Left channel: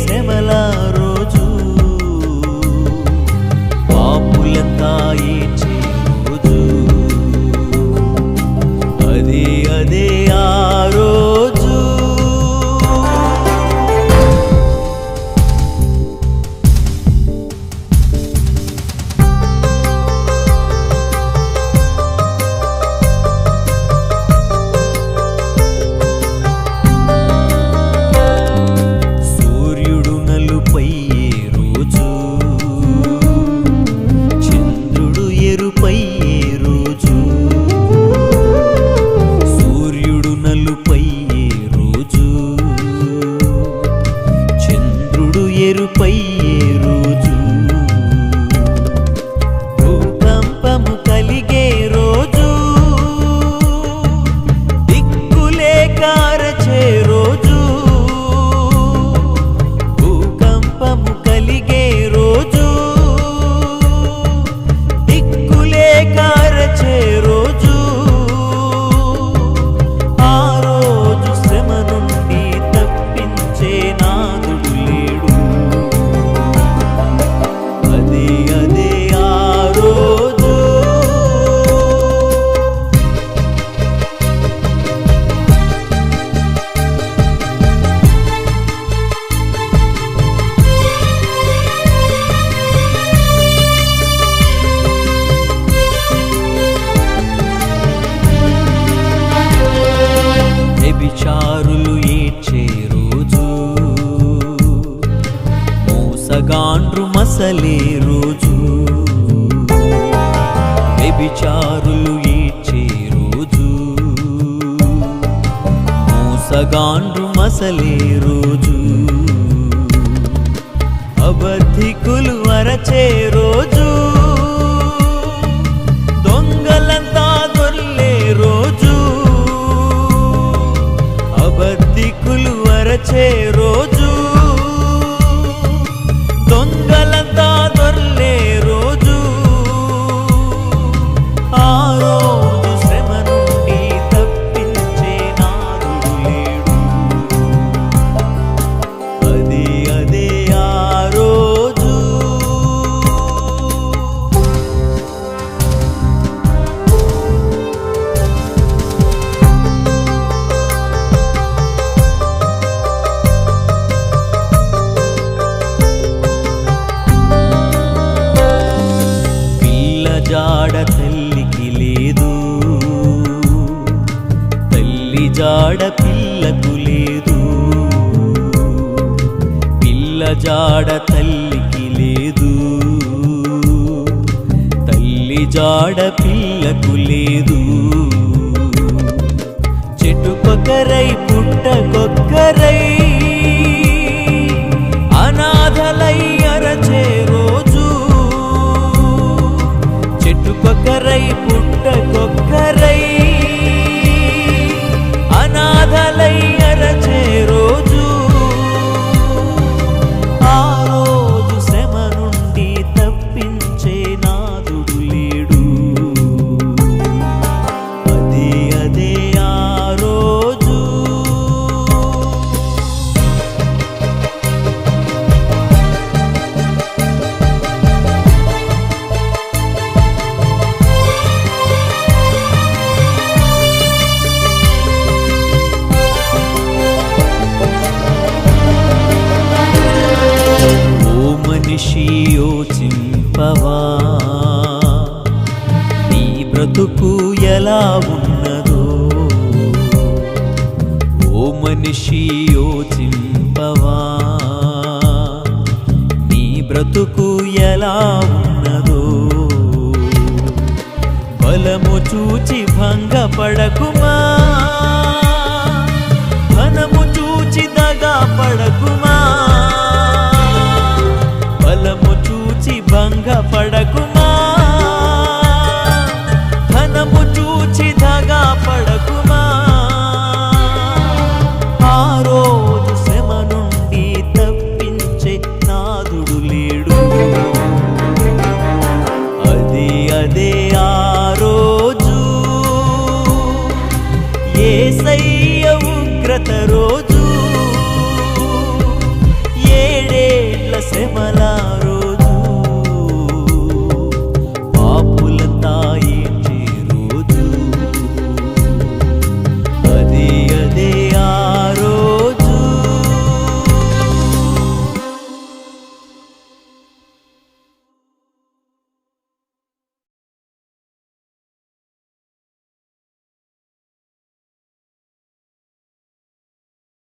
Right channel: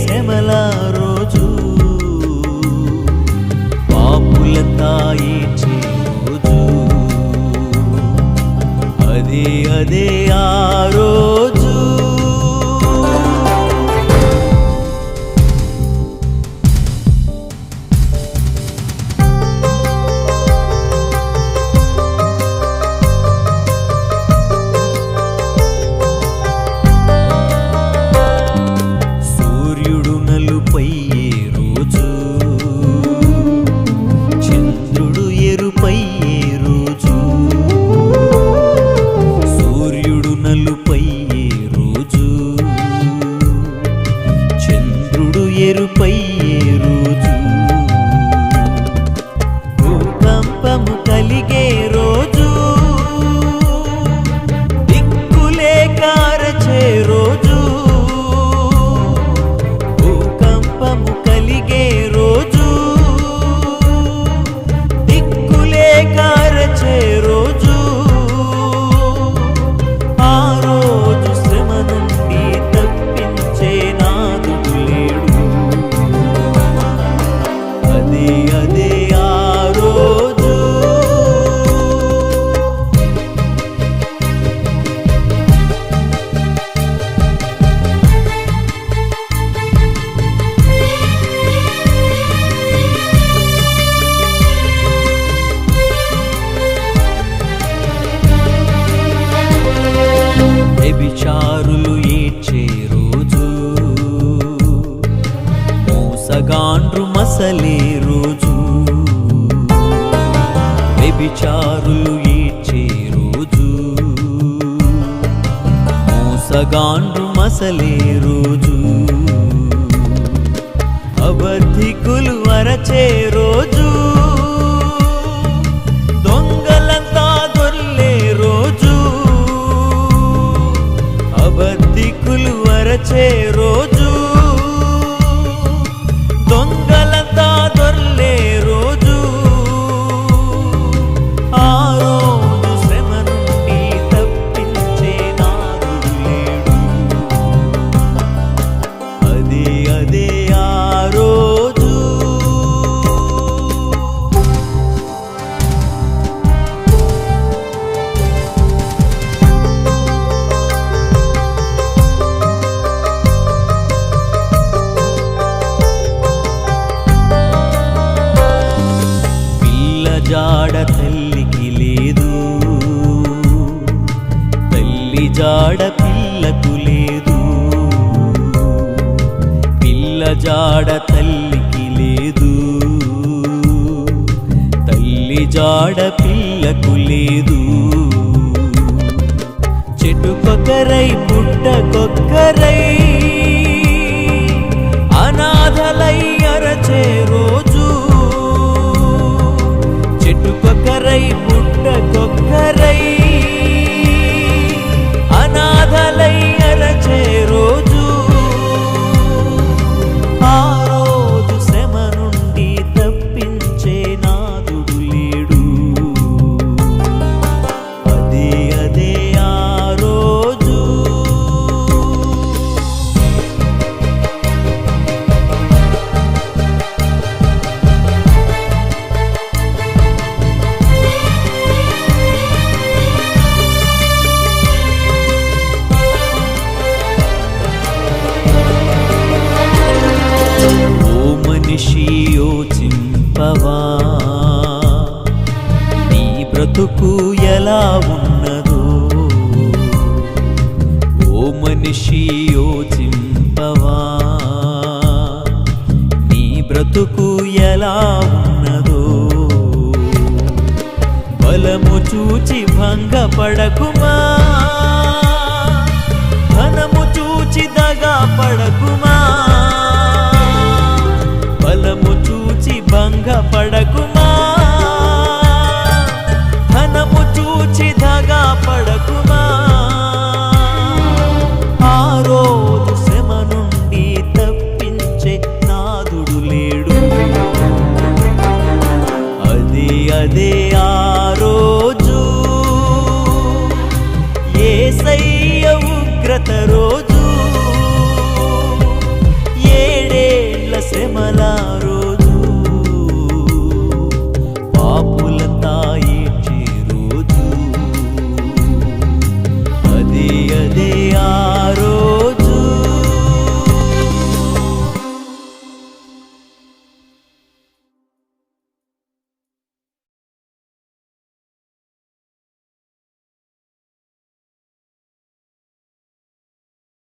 శ్రమల రోజు, పాపులంతా ఏడ్చే రోజు, అదే అదే ఆ రోజు. సూర్యుడు నలుపయ్యే రోజు, చంద్రుడు ఎరుపయ్యే రోజు, సూర్యుడు నలుపయ్యే రోజు, చంద్రుడు ఎరుపయ్యే రోజు, భూకంపము కలిగే రోజు, దిక్కులే కారచే రోజు, భూకంపము కలిగే రోజు, దిక్కులే కారచే రోజు, ఆ రోజు శ్రమ నుండి తప్పించే నాదుడు లేడు, అదే అదే ఆ రోజు. వ్యభిచారులు ఏడ్చే రోజు, మోసగాండ్రు మసలే రోజు, వ్యభిచారులు ఏడ్చే రోజు, మోసగాండ్రు మసలే రోజు, అబద్ధికులు అరచే రోజు, దొంగలంతా దొర్లే రోజు, అబద్ధికులు అరచే రోజు, దొంగలంతా దొర్లే రోజు, ఆ రోజు శ్రమ నుండి తప్పించే నాదుడు లేడు, అదే అదే ఆ రోజు. జాడ తల్లికి లేదు, తల్లి జాడ పిల్లకు లేదు, పిల్ల జాడ తల్లికి లేదు, తల్లి జాడ పిల్లకు లేదు, చెట్టుకొక్కరై పుట్టకొక్కరై అనాథలై అరచే రోజు, చెట్టుకొక్కరై పుట్టకొక్కరై అనాథలై అరచే రోజు, ఆ రోజు శ్రమ నుండి తప్పించే నాదుడు లేడు, అదే అదే ఆ రోజు. మనిషి యోచింపవా, నీ బ్రతుకు ఎలా ఉన్నదో, ఓ మనిషి యోచింపవా, నీ బ్రతుకు ఎలా ఉన్నదో, బలము చూచి భంగపడకుమా, ధనము చూచి దగా పడకుమా, బలము చూచి భంగపడకుమా, ధనము చూచి దగా పడకుమా, ఆ రోజు శ్రమ నుండి తప్పించే నాదుడు లేడు, అదే అదే ఆ రోజు. యేసయ్య ఉగ్రత రోజు, శ్రమల